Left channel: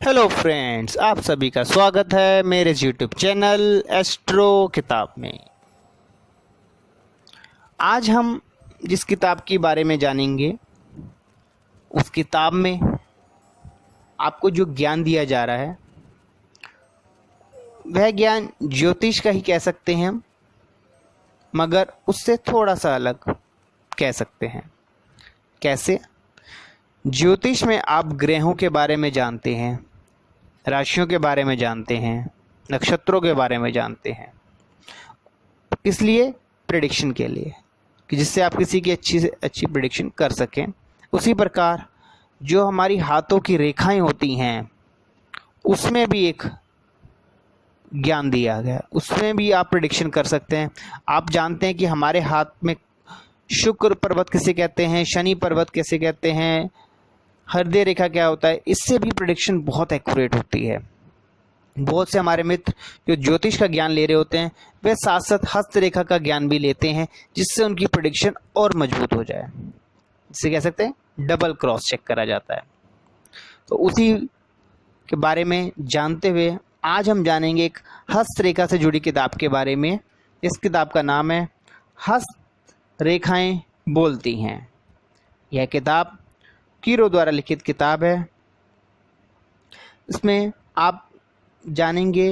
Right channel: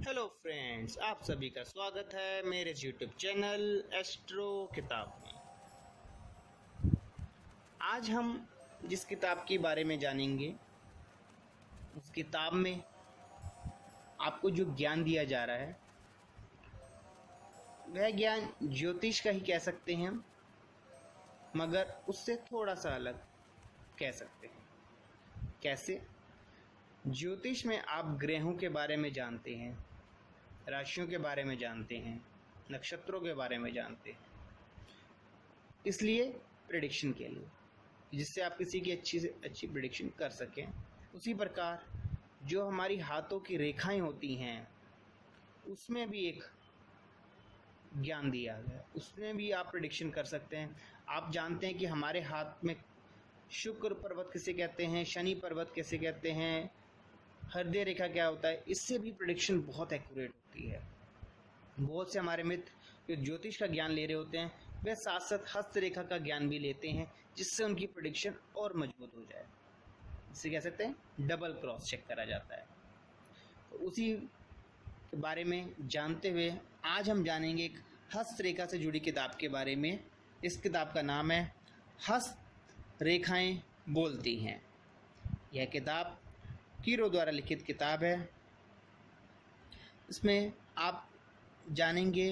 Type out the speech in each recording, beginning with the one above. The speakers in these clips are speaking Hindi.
हेलो फ्रेंड्स, आप सभी का स्वागत है मेरे यूट्यूब चैनल एस्ट्रो किताब में। आज हम जिस किताब के बारे में जानेंगे, उस किताब में आपको जो ज्ञान दिया जा रहा है वह ज्ञान ज्योतिष का ही कह सकते हैं हम, मगर उससे थोड़ा सा अलग कह सकते हैं। कैसे? ज्योतिष में आप ग्रहों के बारे में जानते हैं, राशियों के बारे में जानते हैं, नक्षत्रों के बारे में जानते हैं। इसलिए प्रेडिक्शन के लिए, कि जिससे आप किसी की अच्छी से अच्छी प्रेडिक्शन कर सकें। उसी प्रकार जो हमारी हाथों की रेखाएं होती हैं, उसमें भी एक ज्ञान दिया गया, उसमें भी आप प्रेडिक्शन कर सकते हैं। आप जानते हैं कि हमारे हाथ में शुक्र पर्वत किसे कहते हैं, शनि पर्वत किसे कहते हैं, हृदय रेखा क्या होता है। इससे भी प्रेडिक्शन बहुत एक्यूरेट होती है। बहुत से हमारे मित्र जो ज्योतिष का ज्ञान ले रहे होते हैं, वे साथ साथ हस्तरेखा का ज्ञान भी लेते हैं, जिससे उनकी प्रेडिक्शन और मजबूत हो जाए। जिसे कह सकते हैं डबल क्रॉस चेक करा जाता है। तो उसी के बारे में जानते हुए आज हम जानेंगे एक हस्तरेखा से जुड़ी किताब के बारे में। इस किताब का नाम है हस्त रेखाएं बोलती हैं। यह किताब कीरो द्वारा लिखित किताब है। इसमें आप जानेंगे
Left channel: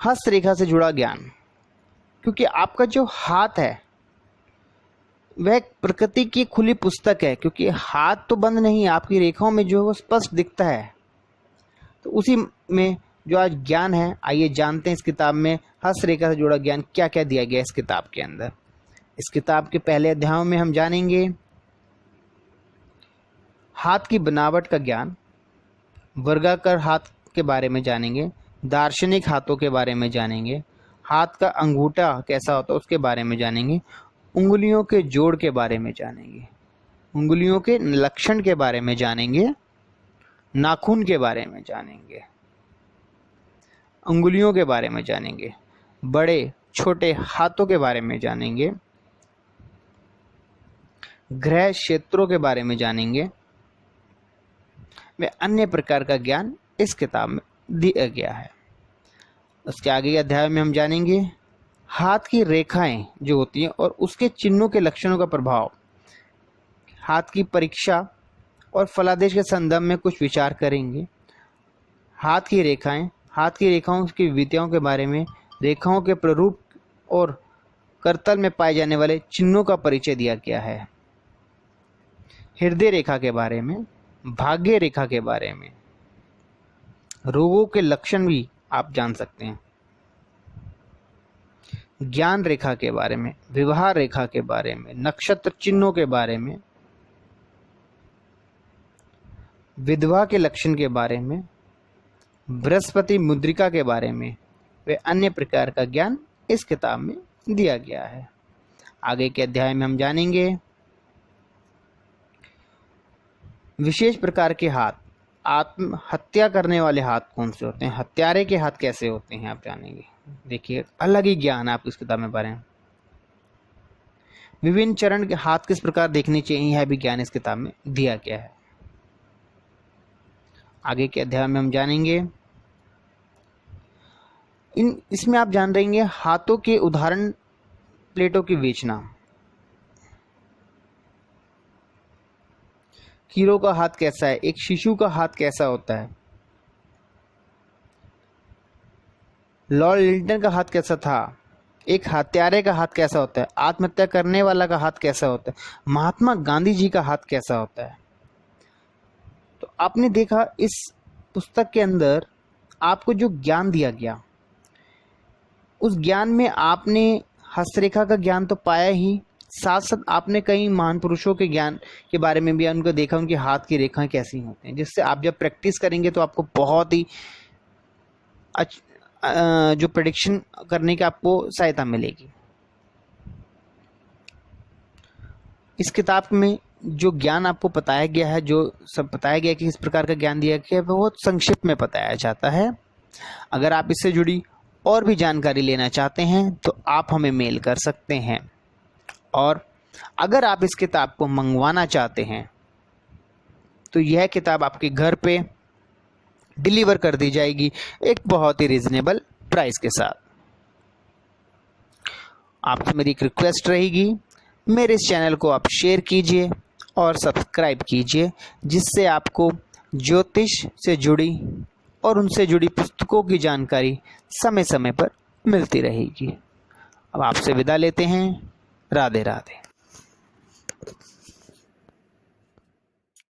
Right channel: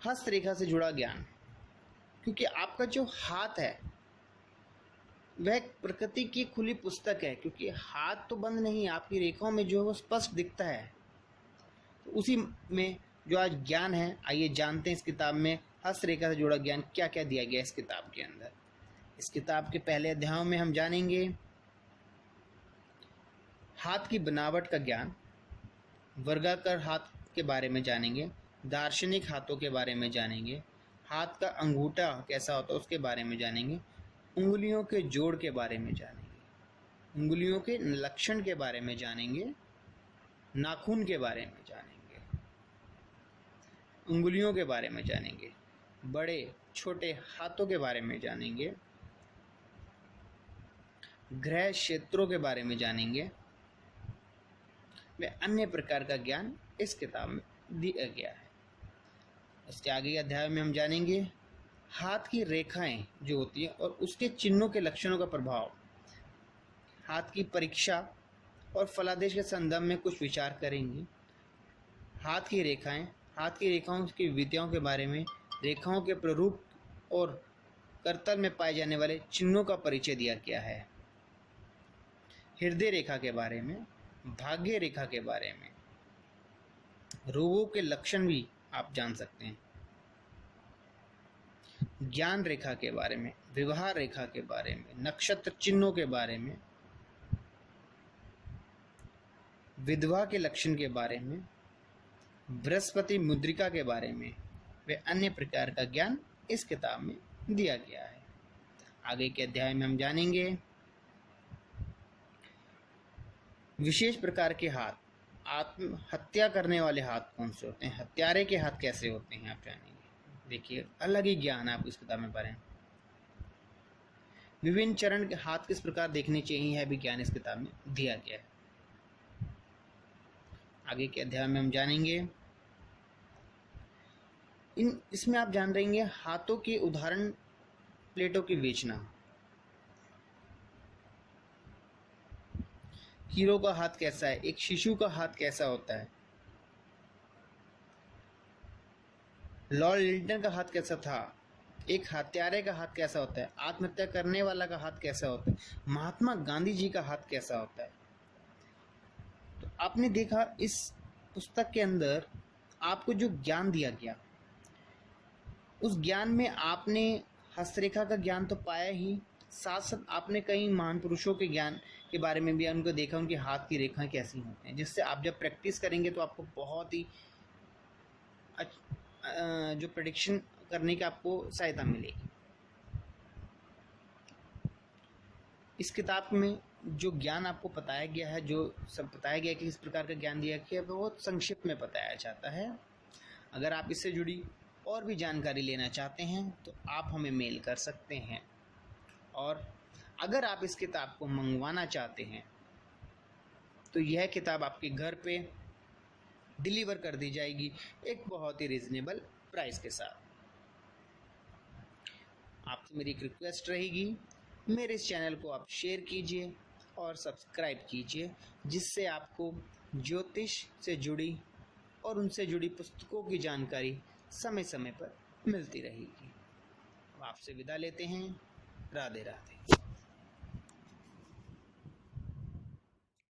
हस्तरेखा से जुड़ा ज्ञान, क्योंकि आपका जो हाथ है वह प्रकृति की खुली पुस्तक है। क्योंकि हाथ तो बंद नहीं है, आपकी रेखाओं में जो है वो स्पष्ट दिखता है। तो उसी में जो आज ज्ञान है, आइए जानते हैं इस किताब में हस्तरेखा से जुड़ा ज्ञान क्या क्या दिया गया इस किताब के अंदर। इस किताब के पहले अध्यायों में हम जानेंगे हाथ की बनावट का ज्ञान, वर्गाकार हाथ के बारे में जानेंगे, दार्शनिक हाथों के बारे में जानेंगे, हाथ का अंगूठा कैसा होता है उसके बारे में जानेंगे, उंगलियों के जोड़ के बारे में जानेंगे, उंगलियों के लक्षण के बारे में जानेंगे, नाखून के बारे में जानेंगे, उंगलियों के बारे में जानेंगे, बड़े छोटे हाथों के बारे में जानेंगे, ग्रह क्षेत्रों के बारे में जानेंगे। वे अन्य प्रकार का ज्ञान इस किताब में दिया गया है। उसके आगे के अध्याय में हम जानेंगे हाथ की रेखाएं जो होती हैं और उसके चिन्हों के लक्षणों का प्रभाव, हाथ की परीक्षा और फलादेश के संदर्भ में कुछ विचार करेंगे। हाथ की रेखाएं, हाथ की रेखाओं की विधियों के बारे में, रेखाओं के प्रारूप और करतल में पाए जाने वाले चिन्हों का परिचय दिया गया है। हृदय रेखा के बारे में, भाग्य रेखा के बारे में, रोगों के लक्षण भी आप जान सकते हैं, ज्ञान रेखा के बारे में, विवाह रेखा के बारे में, नक्षत्र चिन्हों के बारे में, विधवा के लक्षण के बारे में, बृहस्पति मुद्रिका के बारे में, वे अन्य प्रकार का ज्ञान इस किताब में दिया गया है। आगे के अध्याय में हम जानेंगे विशेष प्रकार के हाथ, आत्महत्या करने वाले हाथ कौन से होते हैं, हत्यारे के हाथ कैसे होते हैं, आप जानेंगे। देखिए, अलग ही ज्ञान आप इस किताब में पा रहे हैं। विभिन्न चरण के हाथ किस प्रकार देखने चाहिए, यह भी ज्ञान इस किताब में दिया गया है। आगे के अध्याय में हम जानेंगे इसमें आप जान रहेंगे हाथों के उदाहरण प्लेटों की विवेचना। हीरो का हाथ कैसा है, एक शिशु का हाथ कैसा होता है, लॉर्ड लिंटन का हाथ कैसा था, एक हत्यारे का हाथ कैसा होता है, आत्महत्या करने वाला का हाथ कैसा होता है, महात्मा गांधी जी का हाथ कैसा होता है। तो आपने देखा इस पुस्तक के अंदर आपको जो ज्ञान दिया गया, उस ज्ञान में आपने हस्तरेखा का ज्ञान तो पाया ही, साथ साथ आपने कई महान पुरुषों के ज्ञान के बारे में भी उनको देखा, उनके हाथ की रेखाएं कैसी होती हैं, जिससे आप जब प्रैक्टिस करेंगे तो आपको बहुत ही जो प्रेडिक्शन करने की आपको सहायता मिलेगी। इस किताब में जो ज्ञान आपको बताया गया है, जो सब बताया गया कि इस प्रकार का ज्ञान दिया गया है, वो बहुत संक्षिप्त में बताया जाता है। अगर आप इससे जुड़ी और भी जानकारी लेना चाहते हैं तो आप हमें मेल कर सकते हैं, और अगर आप इस किताब को मंगवाना चाहते हैं तो यह किताब आपके घर पे डिलीवर कर दी जाएगी एक बहुत ही रिजनेबल प्राइस के साथ। आपसे मेरी एक रिक्वेस्ट रहेगी, मेरे इस चैनल को आप शेयर कीजिए और सब्सक्राइब कीजिए, जिससे आपको ज्योतिष से जुड़ी और उनसे जुड़ी पुस्तकों की जानकारी समय समय पर मिलती रहेगी। अब आपसे विदा लेते हैं। राधे राधे।